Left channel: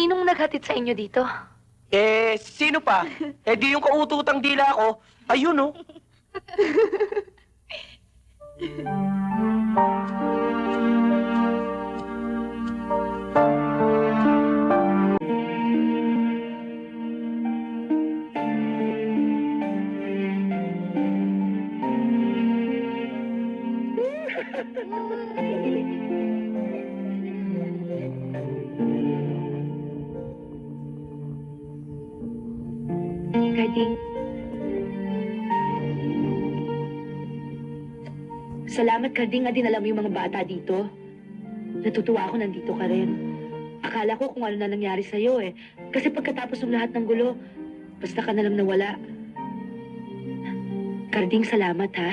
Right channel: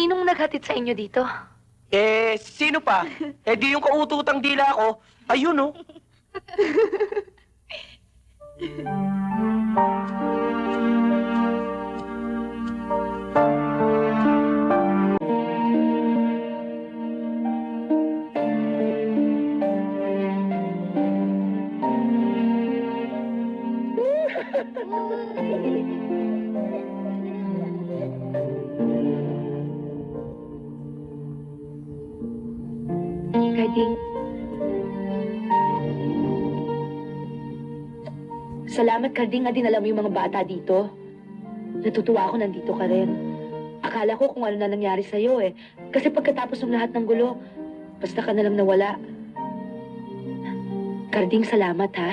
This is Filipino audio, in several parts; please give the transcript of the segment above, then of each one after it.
Sinong naghatid sa inyo dito? Sino pa? Di yung kaututang dila ko. Ayun, oh. Karding. Salamat, Karding, nga dinala mo yung mga bata dito. Natutuwa ako nandito ka rin. Akala ko kung ano na nangyari sa'yo eh. Kasi pagkatapos ng lahat ng gulo, basta ka na lang nawala. Karding, salamat ha.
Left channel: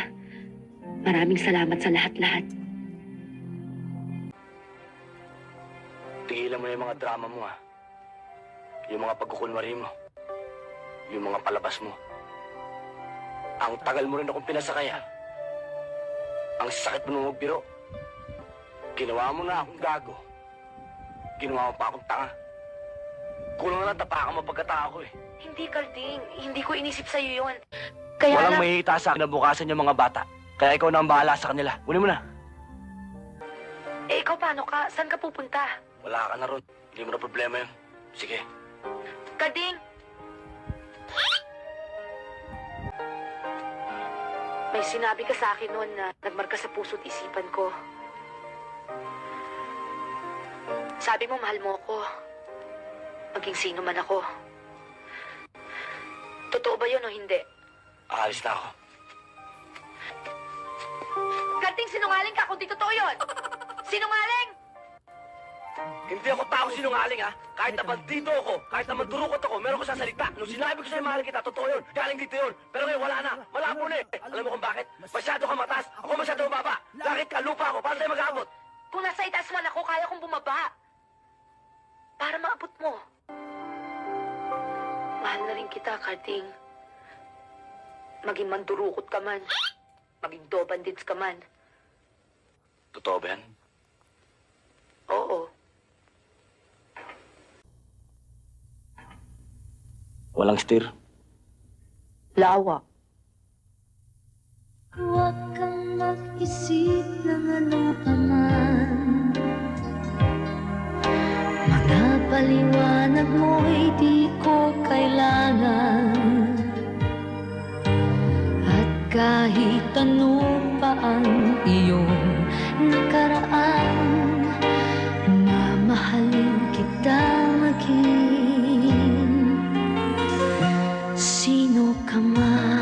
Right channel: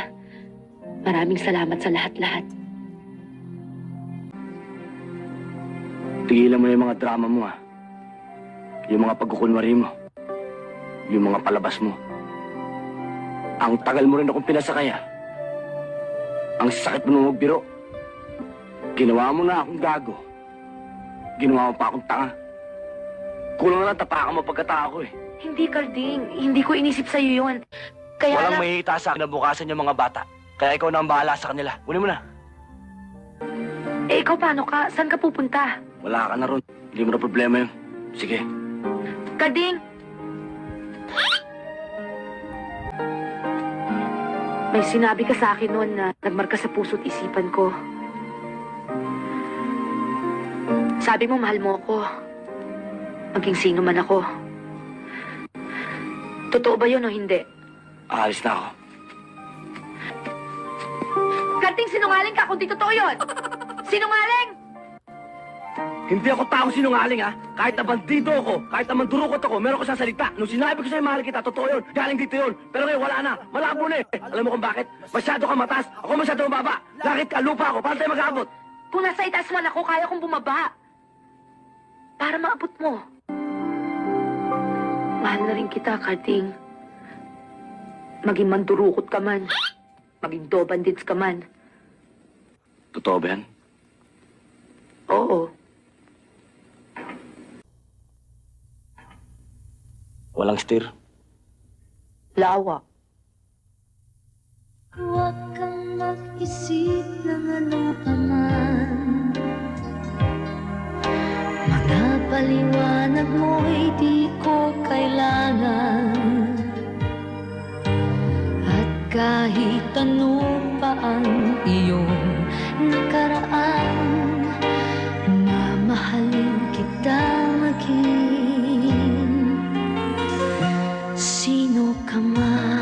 Maraming salamat sa lahat-lahat. Tigilan mo na yung mga drama mo, Yung mga pagkukunwari mo. Yung mga palabas mo. Ang tagal mo rin akong pinasakay, Ang sakit mo nung magbiro. Ginawa mo na akong gago. Ginawa mo pa akong tanga. Kulang na tapakan mo pagkatao ko, Hindi, Karding. Hindi ko inisip sa'yo yun. Kaya Walang lang... may sa kinabukasan yung mga bata. Kaya ikaw na ang bahala sa kanila. Kunin mo na. ikaw paano ka? Saan ka pupunta? Wala ka na ron. Hindi mo na problema yun. Sige. Karding! May sinabi ka sa akin noon na nagmarka sa puso't isipan ko. Sabi mo, mahal mo ako. Maging sino man ako. Totoo ba yun o hindi? Aalis na ako. Karding, sinungaling ka kung di totoo yun! Sinungaling! Hindi ako tao sinungaling, Kahit na bandido ako, kahit na mandurukot ako, meron ko sasalita. Nung sinabi ko sa'yo mahal kita, totoo yun. Galing dito yun. Pero ngayon wala na. Malabo na Alam mo kung bakit? Masyado ka mataas. Ako masyado mababa. Langit ka, lupa ako. Paano tayo mag-aabot? Kung nasa itaas man ako, kaya kong bumaba. Para maabot mo. Mahal na rin kita, Karding. Maging mandurukot ka man. Maging dobandits ka man. Totoo ba yan? Oo. Walang steer. Lawa. Huwag kang mag-isip ng ano paman. Mga paliwanag mo'y di ko kailangan. At kahit ano pa ang iyong nakaraan, mamahalin kita maging sino ka man.